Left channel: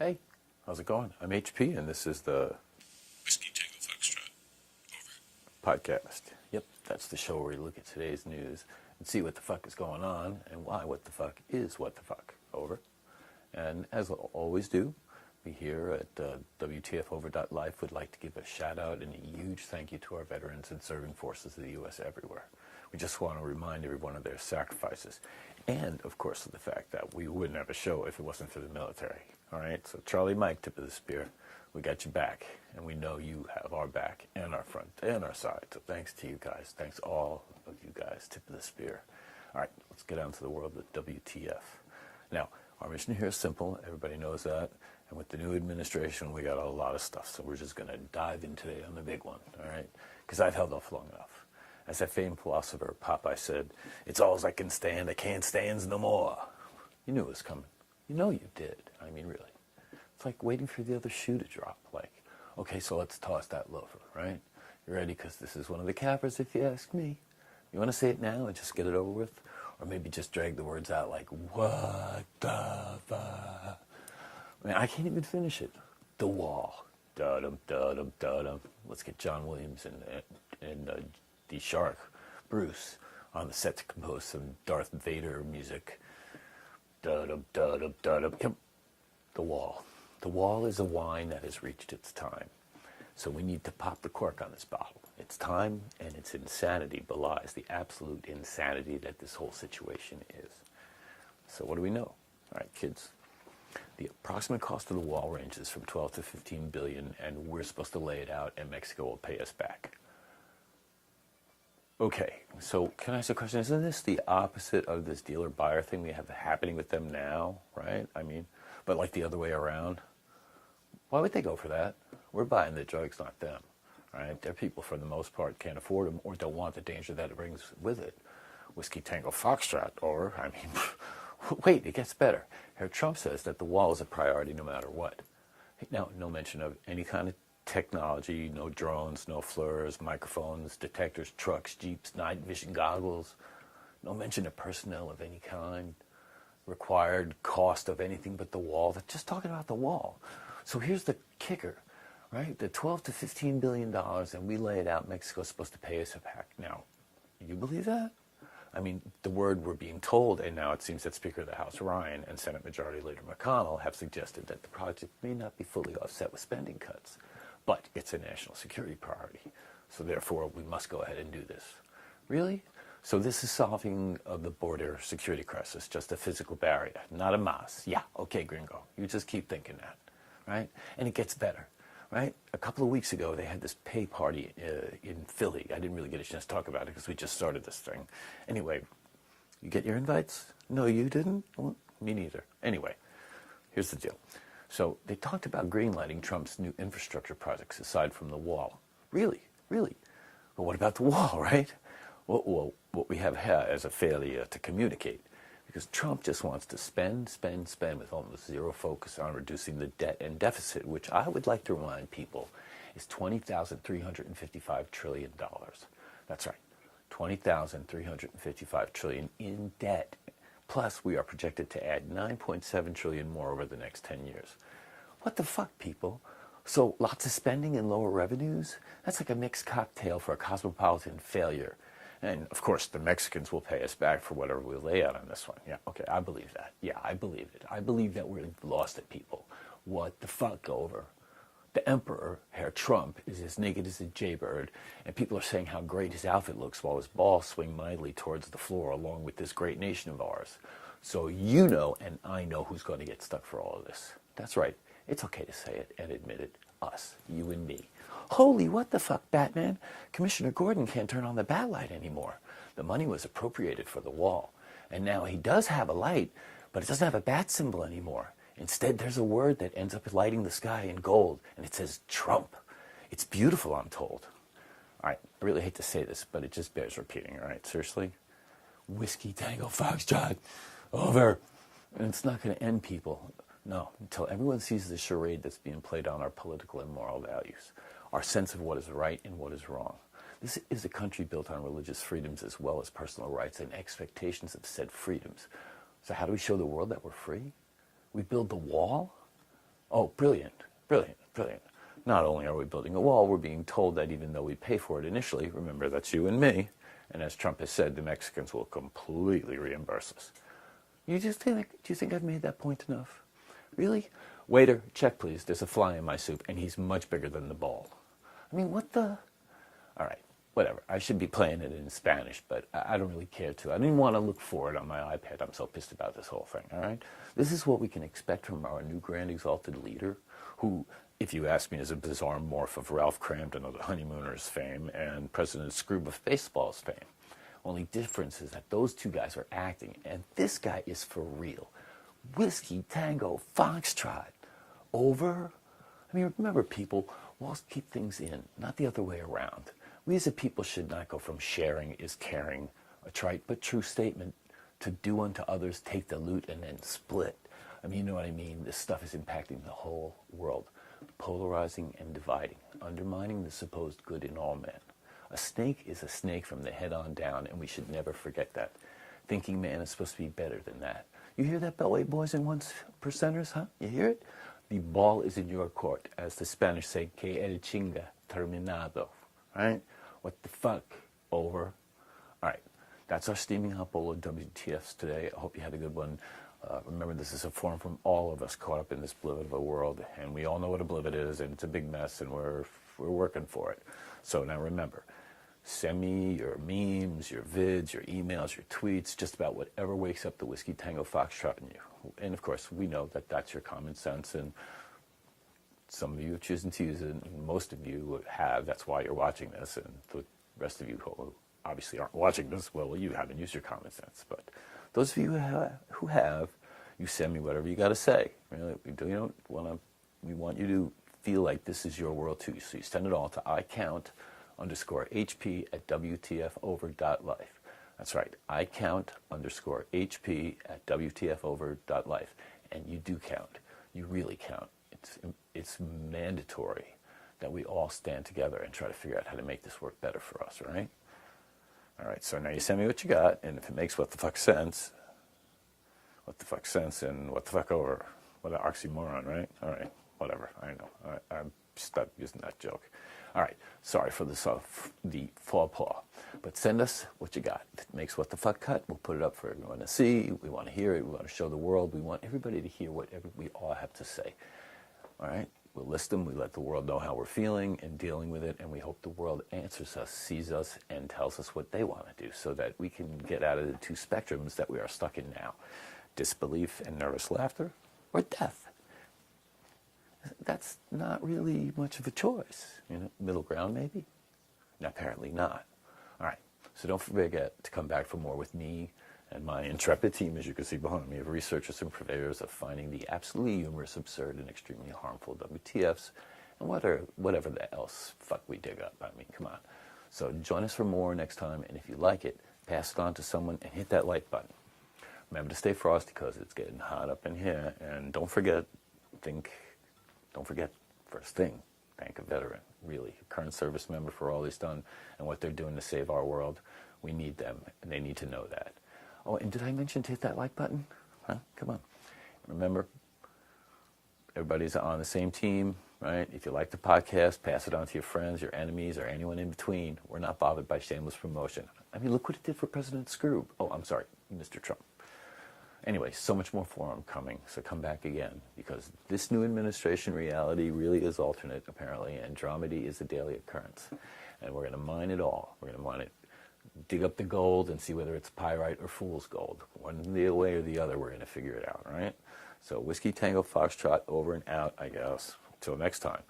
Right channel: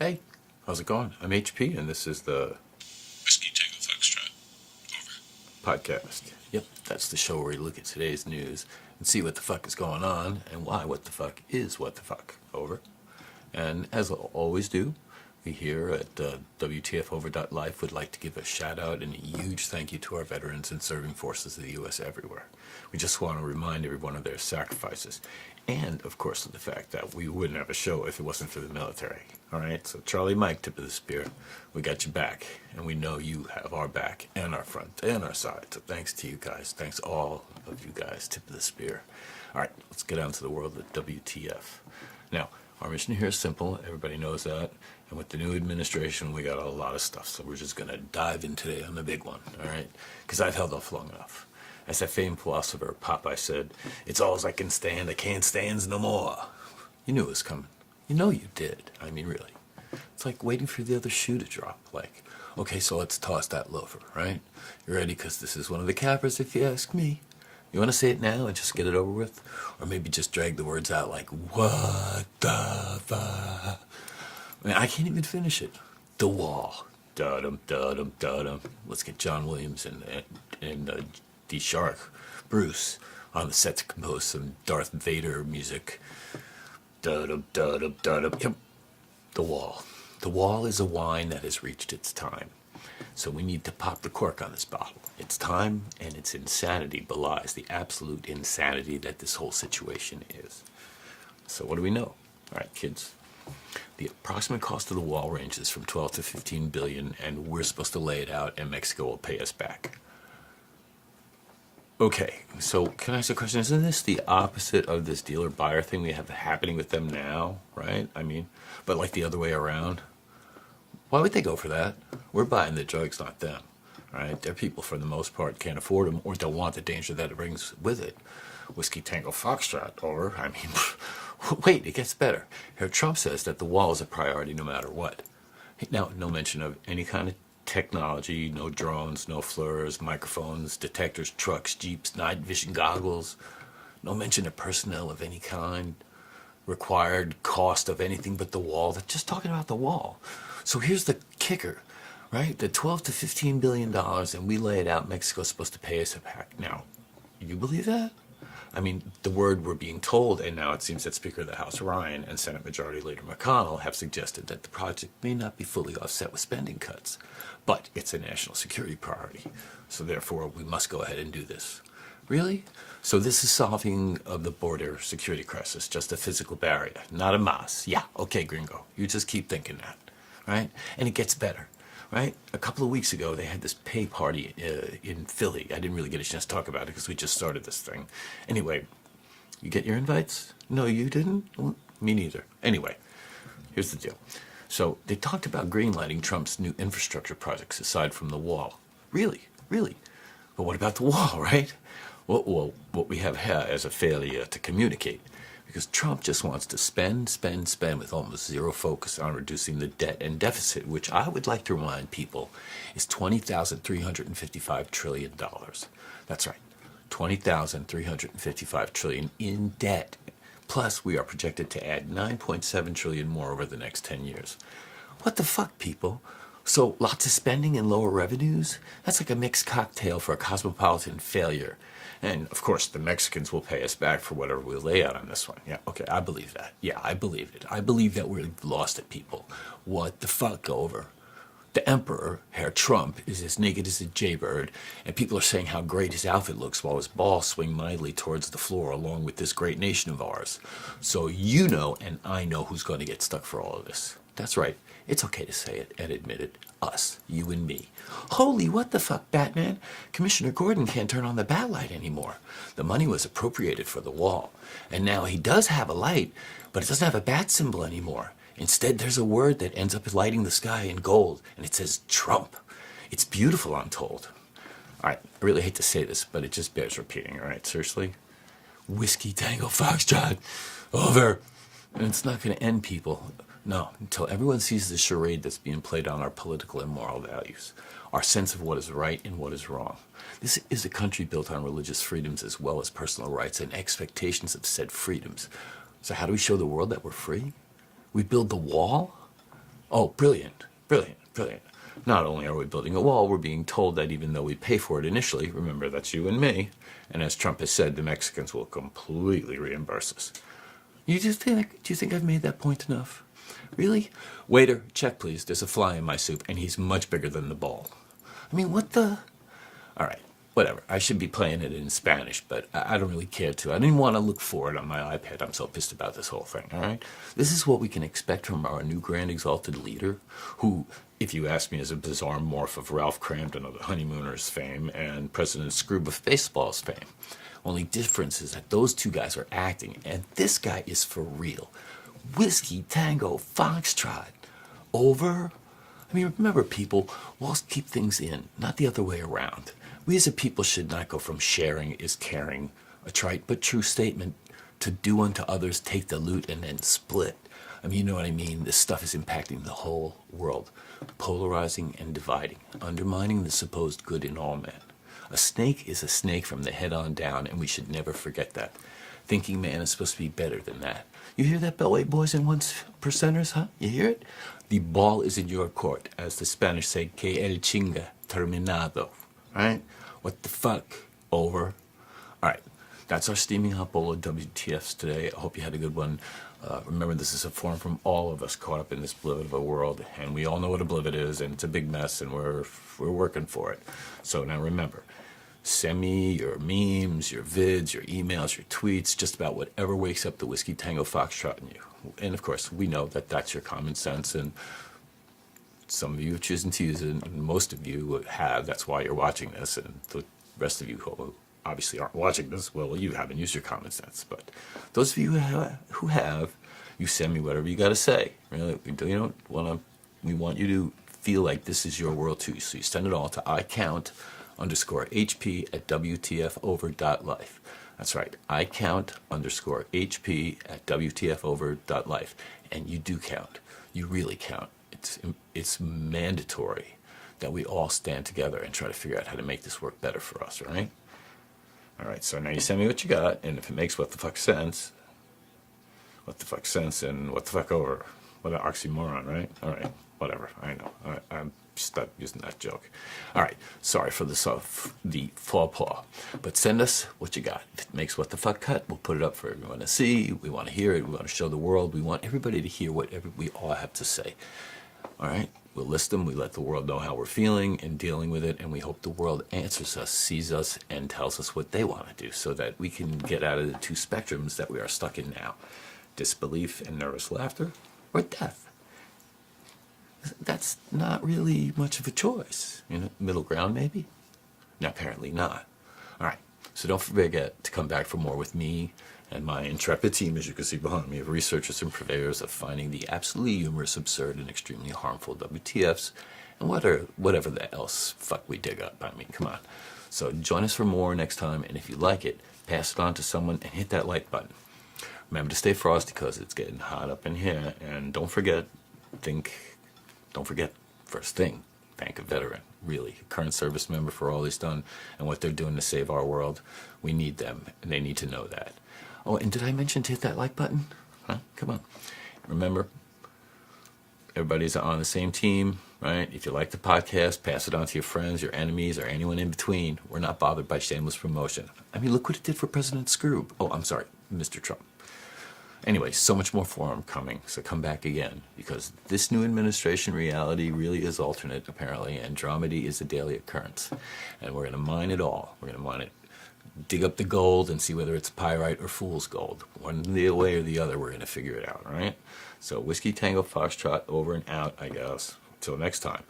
Hey, how's it going? I'm HP, and this is the Whiskey Tango Foxtrot. Over. podcast. Yep, that's the show where we look at today's news and see what the fuck is going on and why what the fuck is what the fuck. Over. And as I always do, we here at WTFover.life would like to give a shout out and a huge thank you to our veterans and serving forces of the U.S. everywhere. We just want to remind everyone of their sacrifices and, of course, of the fact that we wouldn't have a show if it wasn't for the military. All right, so Charlie Mike, tip of the spear, we got your back, and we know you have our back and our front and our side. So thanks to you guys. Thanks all of you guys, tip of the spear. All right, let's get on to the world of WTF. Now, our mission here is simple. Everybody knows that. And with the new administration, we got a lot of stuff. So we're just going to dive in today on the big one, all right? Because I've held off long enough. As that famed philosopher Popeye said, it's all I can stand, I can't stand no more. You knew it was coming. You know you did. I mean, really. It's like waiting for the other shoe to drop. Like, okay, so let's toss that loafer, right? You ready? Because this is one of the cappers, if you ask me. You want to say it now and just get it over with? Or maybe just drag the words out like, what the fuck? I mean, I can't even finish it. The Wall. Da-dum, da-dum, da-dum. Let's get John Williams and D. Shark, Bruce, on the set to compose some Darth Vader music. Da-dum, da-dum, da-dum. Yep. The Wall. The Wall is a wine that has reached its time. So we need to pop the cork on this bottle. Its time and its insanity belies the absolute insanity that this whole situation is. So what do we know? All right, kids. The approximate cost of the wall ranges from 12 to 15 billion, and we're supposed to lay it out, and Mexico will pay us back. Okay, so can I ask a question? Isn't this the opposite of this dealer-buyer thing we have happening with them now, right? I mean, but like the other way around. Why would they go for that? We're buying the drugs, not them, right? Their people, for the most part, can't afford them or don't want the danger that it brings with it. Whiskey Tango Foxtrot, or, I mean, wait, it gets better. Here, Trump says that the wall is a priority no matter what. Now, no mention of any kind of technology, no drones, no FLIRs, microphones, detectors, trucks, jeeps, night vision goggles, no mention of personnel of any kind, required cost of anything but the wall. They're just talking about the wall. So here's the kicker, right? The 12 to 15 billion dollars, and we lay it out. Mexico's supposed to pay us back. Now, you believe that? I mean, the word we're being told, and now it seems that Speaker of the House Ryan and Senate Majority Leader McConnell have suggested that the project may not be fully offset with spending cuts, but it's a national security priority. So therefore, we must go ahead and do this. Really? So this is solving of the border security crisis, just a physical barrier, not a mass. Yeah, okay, gringo. You just keep thinking that, right? And it gets better. Right? A couple of weeks ago, they had this pay party in Philly. I didn't really get a chance to talk about it because we just started this thing. Anyway, you get your invites? No, you didn't? Well, me neither. Anyway, here's the deal. So they talked about greenlighting Trump's new infrastructure projects aside from the wall. Really? Really? But what about the wall, right? Well, what we have here is a failure to communicate. Because Trump just wants to spend with almost zero focus on reducing the debt and deficit, which I would like to remind people is $20,355 trillion. That's right, $20,355 trillion in debt. Plus, we are projected to add 9.7 trillion more over the next 10 years. What the fuck, people? So lots of spending and lower revenues? That's like a mixed cocktail for a cosmopolitan failure. And of course, the Mexicans will pay us back for whatever we lay out on this one. Yeah, okay, I believe that. Yeah, I believe it. I believe that we're lost at people. What the fuck over? The emperor, Herr Trump, is as naked as a jaybird, and people are saying how great his outfit looks while his balls swing mightily towards the floor along with this great nation of ours. So you know and I know who's going to get stuck for all of this. That's right. It's okay to say it and admit it. Us. You and me. Holy what the fuck, Batman? Commissioner Gordon can't turn on the bat light anymore. The money was appropriated for the wall. And now he does have a light, but it doesn't have a bat symbol anymore. Instead, there's a word that ends up lighting the sky in gold, and it says Trump. It's beautiful, I'm told. All right, I really hate to say this, but it just bears repeating, all right? Seriously? Whiskey Tango Foxtrot. Over. And it's not going to end, people. No, until everyone sees the charade that's being played on our political and moral values, our sense of what is right and what is wrong. This is a country built on religious freedoms as well as personal rights and expectations of said freedoms. So how do we show the world that we're free? We build the wall? Oh, brilliant, brilliant, brilliant. Not only are we building a wall, we're being told that even though we pay for it initially, remember that's you and me, and as Trump has said, the Mexicans will completely reimburse us. Do you think I've made that point enough? Really? Waiter, check please. There's a fly in my soup, and he's much bigger than the ball. I mean, what the? All right, whatever. I should be playing it in Spanish, but I don't really care to. I didn't want to look for it on my iPad. I'm so pissed about this whole thing, all right? This is what we can expect from our new grand exalted leader, who, if you ask me, is a bizarre morph of Ralph Cramden of the Honeymooners fame and President Scrooge of Baseball's fame. Only difference is that those two guys are acting, and this guy is for real. Whiskey Tango Foxtrot. Over. I mean, remember, people, walls keep things in, not the other way around. We as a people should not go from sharing is caring, a trite but true statement, to do unto others, take the loot, and then split. I mean, you know what I mean? This stuff is impacting the whole world, polarizing and dividing, undermining the supposed good in all men. A snake is a snake from the head on down, and we should never forget that. Thinking man is supposed to be better than that. You hear that, Beltway boys and one percenters, huh? You hear it? The ball is in your court, as the Spanish say, que el chinga terminado. Right? What the fuck? Over. All right. That's our steaming hot bowl of WTFs today. I hope you had a good one. Remember, this is a forum from all of us caught up in this blivet of a world, and we all know what a blivet is, and it's a big mess, and we're working for it. So now remember, send me your memes, your vids, your emails, your tweets, just about whatever wakes up the Whiskey Tango Foxtrot in you. And of course, we know that that's your common sense, and some of you are choosing to use it, and most of you have. That's why you're watching this, and the rest of you who obviously aren't watching this, well, you haven't used your common sense. But those of you who have, you send me whatever you got to say. Really, we want you to feel like this is your world too. So you send it all to icount_HP at WTFover.life. That's right, icount_HP at WTFover.life. And you do count. You really count. It's mandatory that we all stand together and try to figure out how to make this work better for us, right? All right, so now you send me what you got, and if it makes what the fuck sense and what the fuck over. What an oxymoron, right? All right, whatever, I know. All right, I'm stuck using that joke. All right, sorry for the faux pas, but send us what you got. If it makes what the fuck cut, we'll put it up for everyone to see. We want to hear it. We want to show the world. We want everybody to hear whatever we all have to say. All right? We'll list them, we let the world know how we're feeling and dealing with it, and we hope the world answers us, sees us, and tells us what they want to do so that we can get out of the two spectrums that we are stuck in now. Disbelief and nervous laughter, or death. That's not really much of a choice. Middle ground maybe? No, apparently not. All right, so don't forget to come back for more with me and my intrepid team, as you can see behind me, of researchers and purveyors of finding the absolutely humorous, absurd, and extremely harmful WTFs, and whatever the else fuck we dig up. I mean, come on. So join us for more next time, and if you like it, pass it on to someone and hit that like button. Remember to stay frosty because it's getting hot up in here, and don't forget, first thing, thank a veteran, really, a current service member for all he's done and what they're doing to save our world. We need them, and they need to know that. Oh, and did I mention to hit that like button? Huh? Come on. Remember, everybody's on the same team, right? If you like the podcast, pass it on to your friends, your enemies, or anyone in between. We're not bothered by shameless promotion. I mean, look what it did for President Scrooge. Oh, I'm sorry, Mr. Trump. Anyway, so much more forum coming, so come back again, because this new administration reality really is alternate, apparently, and dramedy is a daily occurrence. And we're going to mine it all. We're going to mine it. Dig up the gold and see whether it's pyrite or fool's gold. One way or the other, we're going to figure it out, right? So Whiskey Tango Foxtrot over and out, I guess. Until next time.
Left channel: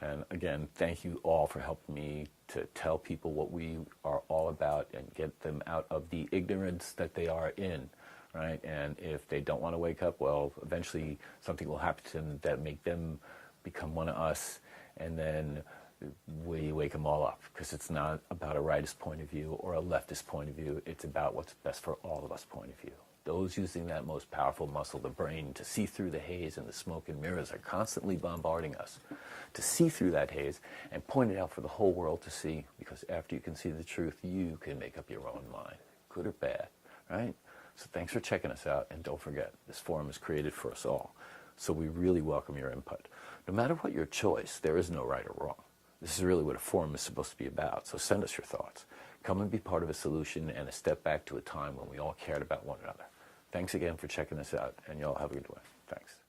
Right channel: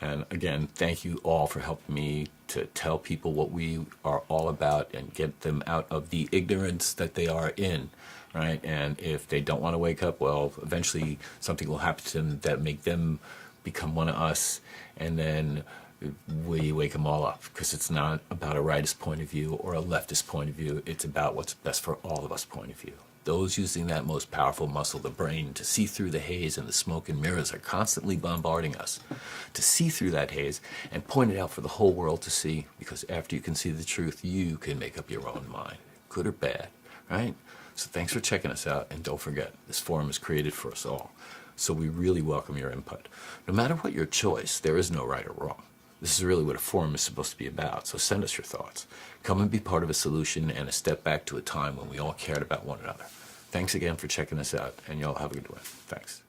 And again, thank you all for helping me to tell people what we are all about and get them out of the ignorance that they are in, right? And if they don't want to wake up, well, eventually something will happen to them that make them become one of us, and then we wake them all up, because it's not about a rightist point of view or a leftist point of view. It's about what's best for all of us point of view. Those using that most powerful muscle, the brain, to see through the haze and the smoke and mirrors are constantly bombarding us. To see through that haze and point it out for the whole world to see, because after you can see the truth, you can make up your own mind, good or bad, right? So thanks for checking us out, and don't forget, this forum is created for us all. So we really welcome your input. No matter what your choice, there is no right or wrong. This is really what a forum is supposed to be about, so send us your thoughts. Come and be part of a solution and a step back to a time when we all cared about one another. Thanks again for checking us out, and y'all have a good one. Thanks.